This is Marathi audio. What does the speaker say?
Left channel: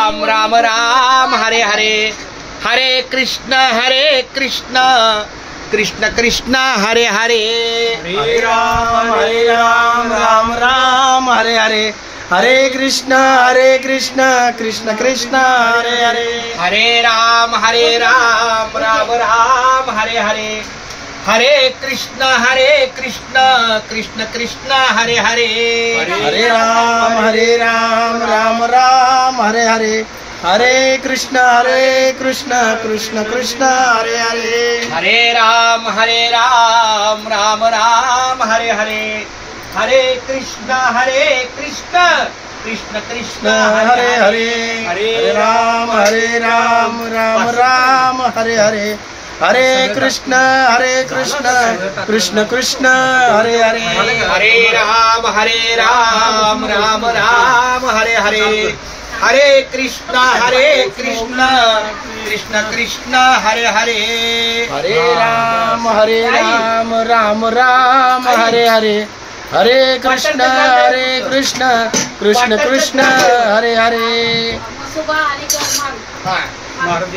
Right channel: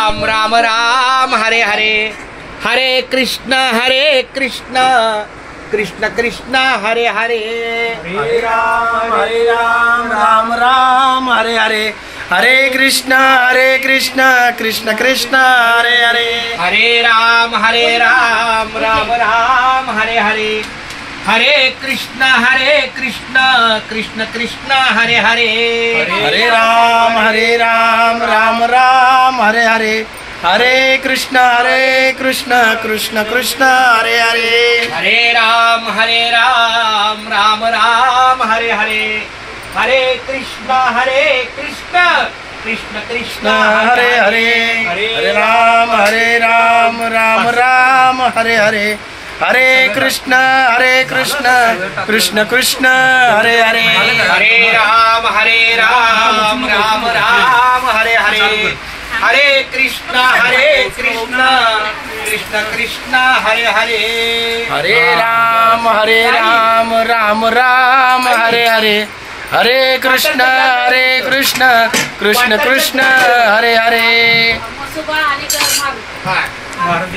राम राम राम हरे हरे, हरे कृष्ण कृष्ण कृष्ण हरे हरे, हरे राम राम राम हरे हरे, हरे कृष्ण कृष्ण कृष्ण हरे हरे, हरे राम राम राम हरे हरे, हरे कृष्ण कृष्ण कृष्ण हरे हरे, हरे राम राम राम हरे हरे, हरे कृष्ण कृष्ण कृष्ण हरे हरे, हरे राम राम राम हरे हरे, हरे कृष्ण कृष्ण कृष्ण हरे हरे, हरे राम राम राम हरे हरे, हरे कृष्ण कृष्ण कृष्ण हरे हरे, हरे राम राम राम हरे हरे, हरे कृष्ण कृष्ण कृष्ण हरे हरे, हरे राम राम राम हरे हरे, हरे कृष्ण कृष्ण कृष्ण हरे हरे.